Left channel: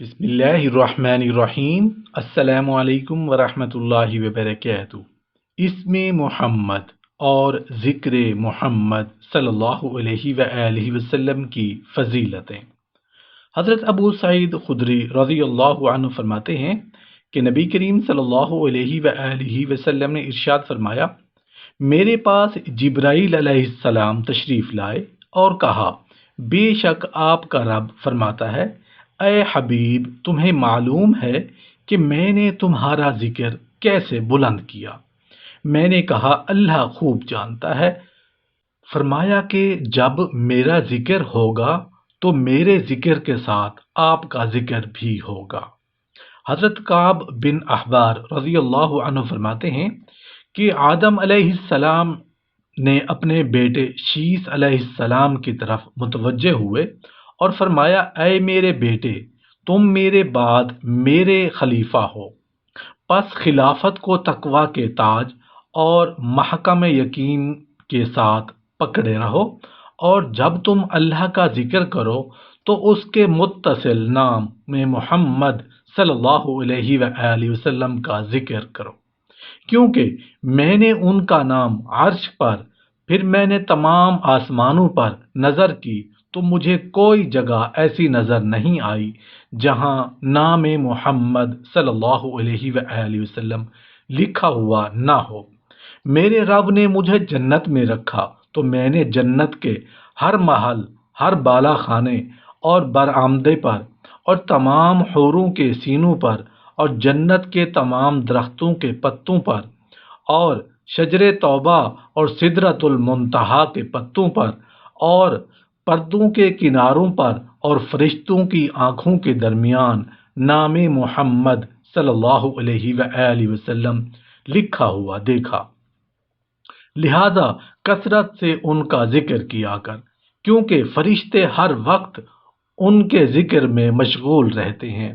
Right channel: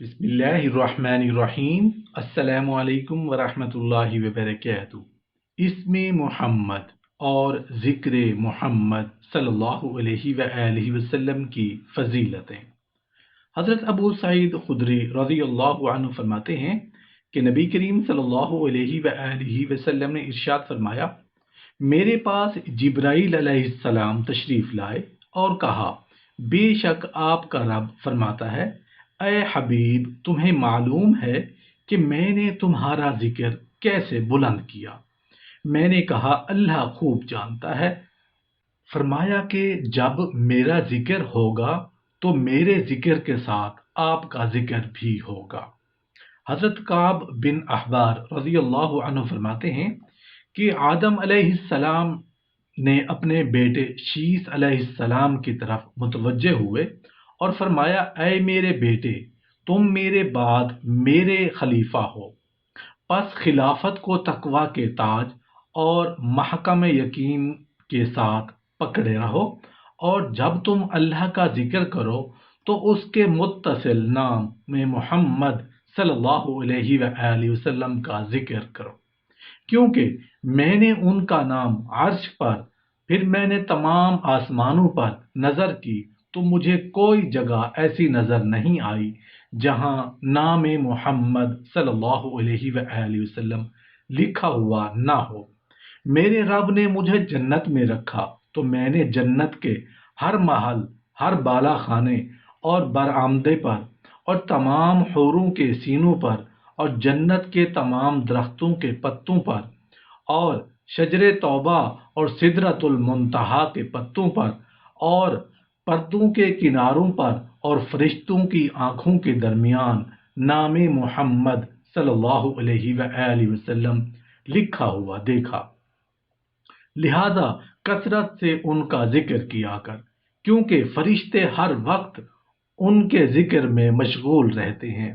बिस्मिल्लाहिर्रहमानिर्रहीम। अस्सलामु अलैकुम वरहमतुल्लाहि वबरकातुहू। इसमें मोहम्मद और ज़िक्र मोहम्मद सल्लल्लाहु अलैहि वआलिहि वसल्लम की फजीलतें। हज़रत अबू सईद खुदरी रज़ियल्लाहु अन्हु फरमाते हैं कि नबी करीम सल्लल्लाहु अलैहि वआलिहि वसल्लम ने इरशाद फरमाया, मेरे पास जिब्राईल अलैहिस्सलाम तशरीफ़ लाए और कहा, बेशक आपका रब फरमाता है, ऐ हबीब, तुम्हें मालूम है कि मैंने तुम्हारा जिक्र कैसे बुलंद किया। मैंने कहा, अल्लाह खूब जानता है। फरमाया कि जब मेरा जिक्र होगा तो मेरे जिक्र के साथ आपका जिक्र भी होगा। हज़रत काब बिन अहबार रज़ियल्लाहु अन्हु फरमाते हैं कि आदम अलैहिस्सलाम ने अपने बेटे शीस अलैहिस्सलाम की तरफ मुतवज्जे हुए और फरमाया, ऐ मेरे बेटे, तुम मेरे बाद मेरे खलीफा हो, पस खिलाफत को तकवा के ताज और महकम यकीन के साथ पकड़े रहो, और जब तुम अल्लाह का जिक्र करो तो उसके मुत्तसिल नाम में मोहम्मद सल्लल्लाहु अलैहि वसल्लम का जिक्र करो, क्योंकि मैंने उनका नाम अर्श पर, फिर मैंने तमाम आसमानों पर नज़र की तो मुझे कोई जगह ऐसी नज़र नहीं आई जहां नाम मोहम्मद सल्लल्लाहु अलैहि वसल्लम लिखा हुआ ना हो। मेरे रब ने मुझे जन्नत में रखा तो मैंने जन्नत के हर महल, हर बाला खाने और बरामदे पर और तमाम हूरों के सीनों पर और जन्नत के तमाम दरख्तों के पत्तों पर और शजरे तौबा और सिदरतुल मुंतहा के पत्तों पर और पर्दों के किनारों पर और फरिश्तों की आँखों के दरमियान नाम मोहम्मद सल्लल्लाहु अलैहि वसल्लम लिखा हुआ देखा। लिहाजा कसरत से उनका जिक्र किया कर, क्योंकि फरिश्ते हर वक्त उनके जिक्र में मशगूल रहते हैं।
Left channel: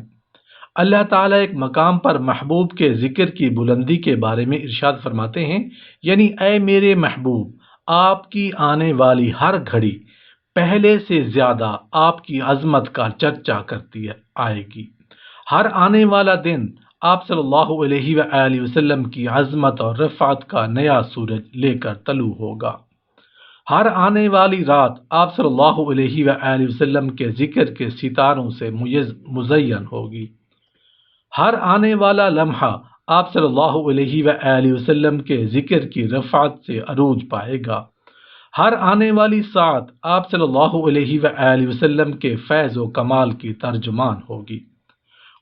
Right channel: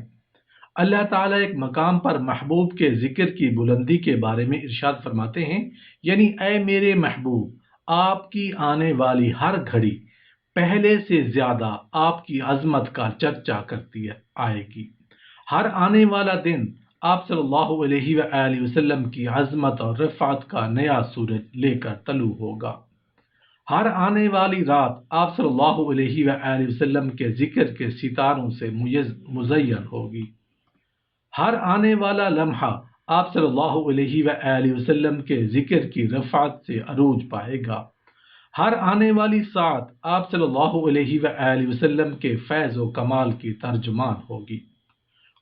अल्लाह ताला एक मकाम पर महबूब के जिक्र की बुलंदी के बारे में इरशाद फरमाते हैं, यानी ऐ मेरे महबूब, आपकी आने वाली हर घड़ी पहले से ज़्यादा आपकी अजमत का चर्चा करती आएगी। हर आने वाला दिन आप सल्लल्लाहु अलैहि वसल्लम की अजमत और रफ़ात का नया सूरज लेकर तलू होगा। हर आने वाली रात आप सल्लल्लाहु अलैहि वसल्लम के जिक्र के सितारों से मुज़य्यन होगी। हर आने वाला लम्हा आप सल्लल्लाहु अलैहि वसल्लम के जिक्र की रफ़ात से अरूज पाएगा। हर आने वाली सात आप सल्लल्लाहु अलैहि वसल्लम के फैज़ व कमाल की तर्जुमान होगी।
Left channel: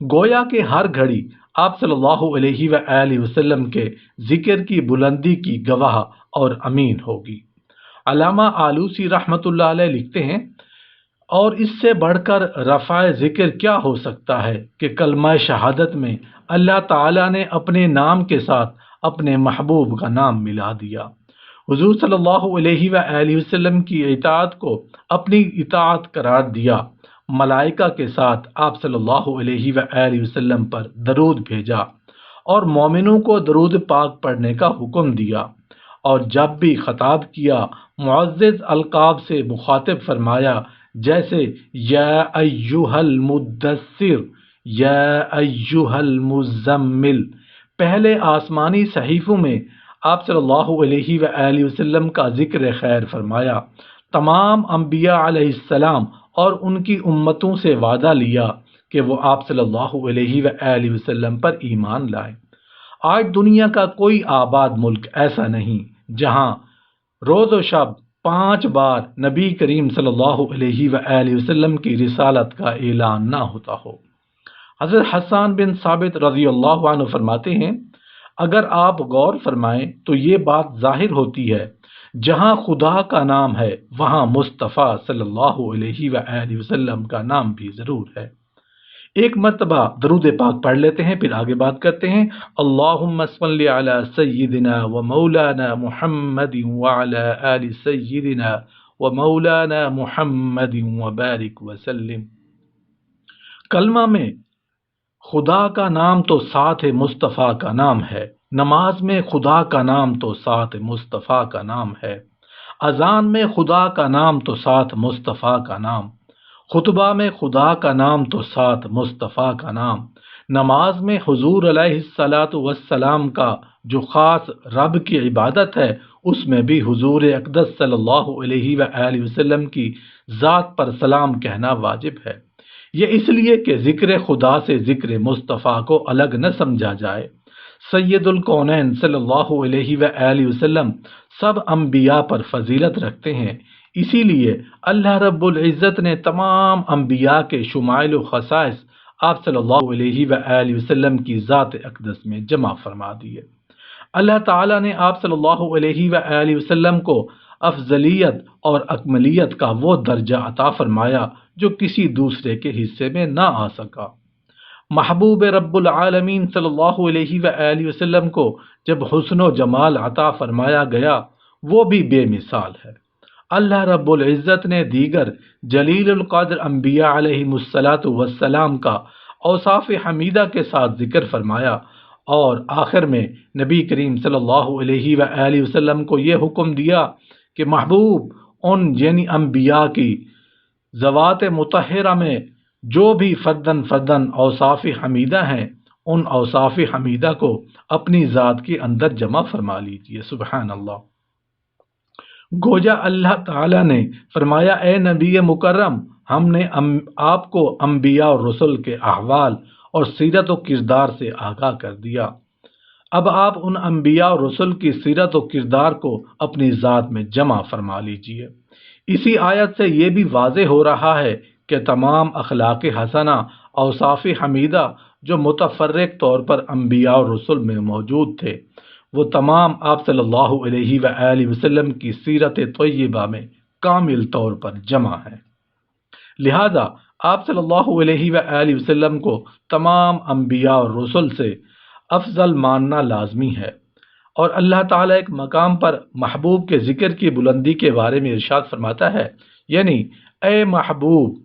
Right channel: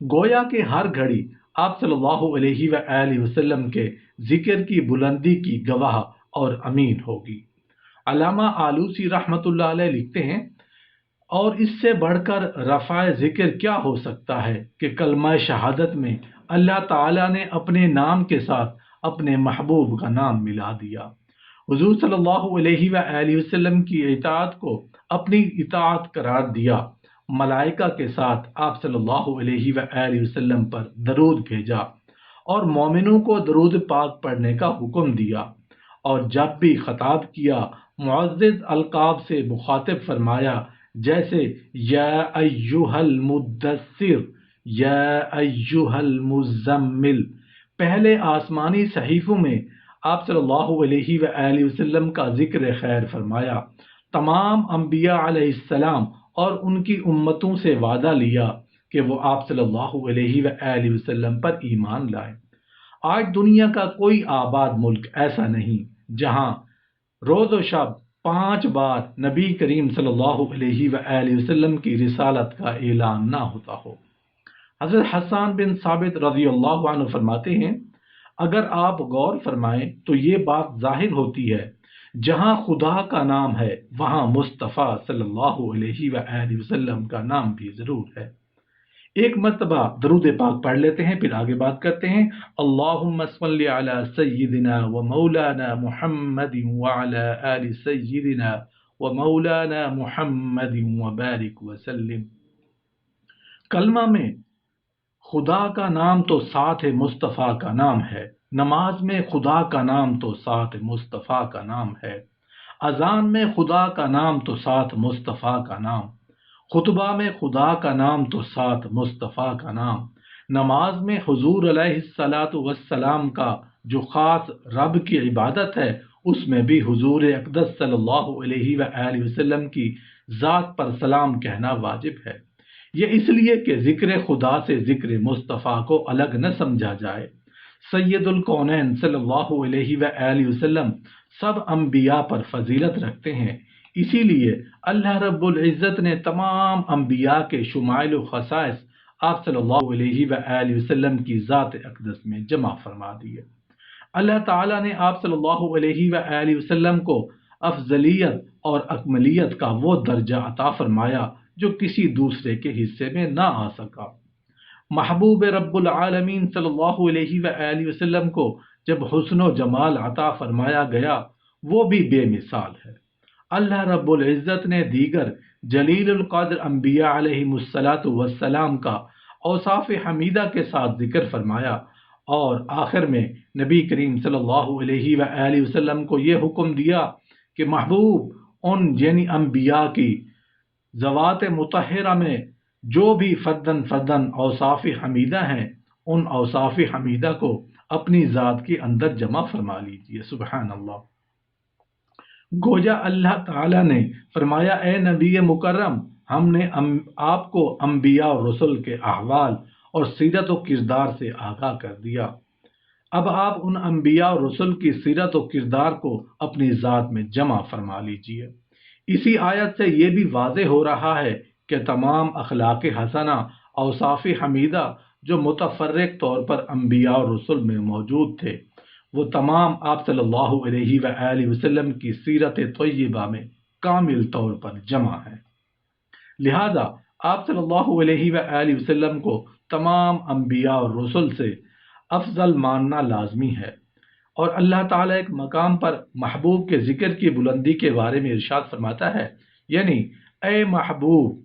गोया के हर घड़ी आप सल्लल्लाहु अलैहि वसल्लम के जिक्र की बुलंदी की गवाह और अमीन होगी। अल्लामा आलूसी रहमतुल्लाह अलैह लिखते हैं, और इससे बढ़कर रफ़ाए ज़िक्र क्या हो सकता है कि कलमा शहादत में अल्लाह ताला ने अपने नाम के साथ अपने महबूब का नाम मिला दिया। हुज़ूर सल्लल्लाहु अलैहि वसल्लम की इताअत को अपनी इताअत करार दिया। मलाइका के साथ आप सल्लल्लाहु अलैहि वसल्लम पर दरूद भेजा और मोमिनों को दरूद पाक पढ़ने का हुक्म दिया, और जब भी खताब किया मुअज़्ज़ज़ अलकाब से मुखातिब फरमाया, जैसे या अय्युहल मुद्दस्सिर, या अय्युहल मुज़म्मिल। पहले आसमानी सहीफ़ों में आप सल्लल्लाहु अलैहि वसल्लम का जिक्र खैर फरमाया। तमाम अंबिया अलैहिस्सलाम और उनकी उम्मतों से वादा लिया कि वो आप सल्लल्लाहु अलैहि वसल्लम पर ईमान लाएं। आज दुनिया का कोई आबाद मुल्क ऐसा नहीं जहां रोज़ व शब 5 बार नबी करीम सल्लल्लाहु अलैहि वसल्लम की रिसालत का ऐलान ना होता हो। हज़रत हसन बिन साबित रज़ियल्लाहु अन्हु फरमाते हैं, अगर आप गौर फरमाएं तो ये बात जाहिर होती है, जहां खुदा का नाम है वहां मुस्तफ़ा सल्लल्लाहु अलैहि वसल्लम का नाम भी ज़रूर है। एक मर्तबा दरूद पाक पढ़ लेते हैं, फिर आगे बात करते हैं। अल्लाहुम्मा सल्लि अला सय्यिदिना व मौलाना मुहम्मदिन व अला आलि सय्यिदिना व मौलाना मुहम्मदिन व बारिक व सल्लिम। कलमा में खुदा का नाम तो साथ मुस्तफ़ा का नाम है, नमाज में खुदा का नाम तो साथ मुस्तफ़ा का नाम है, अजान में खुदा का नाम तो साथ मुस्तफ़ा का नाम, خطبہ میں خدا کا نام تو ساتھ مصطفیٰ کا نام، نماز میں حضور علیہ الصلاۃ والسلام کا جو خاص رب کی عبادت ہے اس میں بھی حضور اقدس صلی اللہ علیہ وآلہ وسلم کی ذات پر سلام کہنا واجب ہے۔ یہ اس لیے کہ ذکر خدا سے ذکر مصطفیٰ کو الگ نہ سمجھا جائے۔ سید الکونین صلی اللہ علیہ وآلہ وسلم سب انبیاء پر فضیلت رکھتے ہیں، اسی لیے اللہ رب العزت نے تمام انبیاء کے شمائل و خصائص آپ صلی اللہ علیہ وآلہ وسلم کی ذات اقدس میں جمع فرما دیے۔ اللہ تعالیٰ نے آپ صلی اللہ علیہ وآلہ وسلم کو افضلیت اور اکملیت کا وہ درجہ عطا فرمایا جو کسی دوسرے کے حصے میں نہ آ سکا۔ محبوب رب العالمین صلی اللہ علیہ وآلہ وسلم کو جب حسن و جمال عطا فرمایا گیا وہ بھی بے مثال ہے۔ اللہ رب العزت نے دیگر جلیل القدر انبیاء علیہ السلام کا اوصاف حمیدہ کے ساتھ ذکر فرمایا، اور آخر میں نبی کریم صلی اللہ علیہ وآلہ وسلم کو یہ حکم دیا کہ محبوب ان یعنی انبیاء کی ذوات مطہرہ میں جو بھی فردن فردن اوصاف حمیدہ ہیں ان اوصاف حمیدہ کو اپنی ذات کے اندر جمع فرما لیجیے۔ سبحان اللہ۔ گویا اللہ تعالیٰ نے فرمایا اے نبی مکرم، ہم نے آپ کو انبیاء اور رسل کے احوال اور سیرت و کردار سے آگاہ کر دیا، اب آپ ان انبیاء اور رسل کی سیرت و کردار کو اپنی ذات میں جمع فرما لیجیے۔ اسی آیت سے یہ بھی واضح ہو رہا ہے کہ تمام اخلاق حسنہ اوصاف حمیدہ جو متفرق طور پر انبیاء اور رسل میں موجود تھے وہ تمام آپ صلی اللہ علیہ وآلہ وسلم کی سیرت طیبہ میں کامل طور پر جمع ہیں۔ لہذا آپ صلی اللہ علیہ وآلہ وسلم کو تمام انبیاء اور رسل سے افضل ماننا لازمی ہے، اور اللہ تعالیٰ ایک مقام پر محبوب کے ذکر کی بلندی کے بارے میں ارشاد فرماتا ہے، یعنی اے محبوب،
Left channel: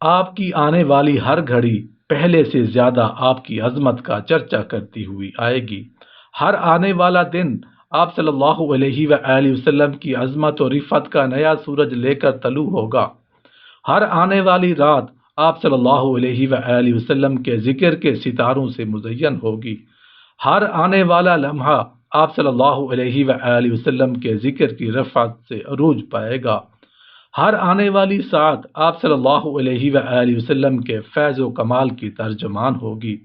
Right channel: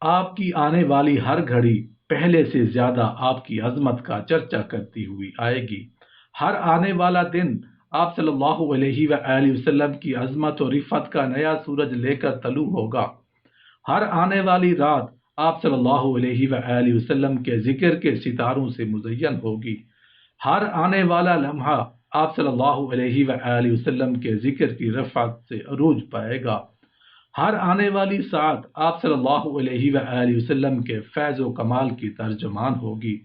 آپ کی آنے والی ہر گھڑی پہلے سے زیادہ آپ کی عظمت کا چرچا کرتی ہوئی آئے گی۔ ہر آنے والا دن آپ صلی اللہ علیہ وآلہ وسلم کی عظمت و رفعت کا نیا سورج لے کر طلوع ہوگا۔ ہر آنے والی رات آپ صلی اللہ علیہ وآلہ وسلم کے ذکر کے ستاروں سے مزین ہوگی۔ ہر آنے والا لمحہ آپ صلی اللہ علیہ وآلہ وسلم کے ذکر کی رفعت سے عروج پائے گا۔ ہر آنے والی ساعت آپ صلی اللہ علیہ وآلہ وسلم کے فیض و کمال کی ترجمان ہوگی۔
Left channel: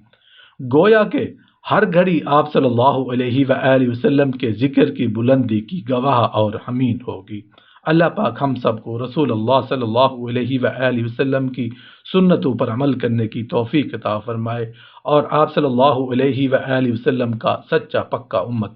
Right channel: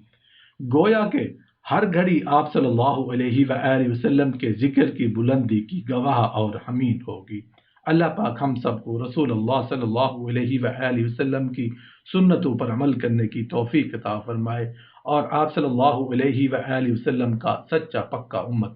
گویا کہ ہر گھڑی آپ صلی اللہ علیہ وآلہ وسلم کے ذکر کی بلندی کی گواہ اور حمید ہوگی۔ اللہ پاک ہم سب کو رسول اللہ صلی اللہ علیہ وآلہ وسلم کی سنتوں پر عمل کرنے کی توفیق عطا فرمائے، اور آپ صلی اللہ علیہ وآلہ وسلم کا سچا پکا امت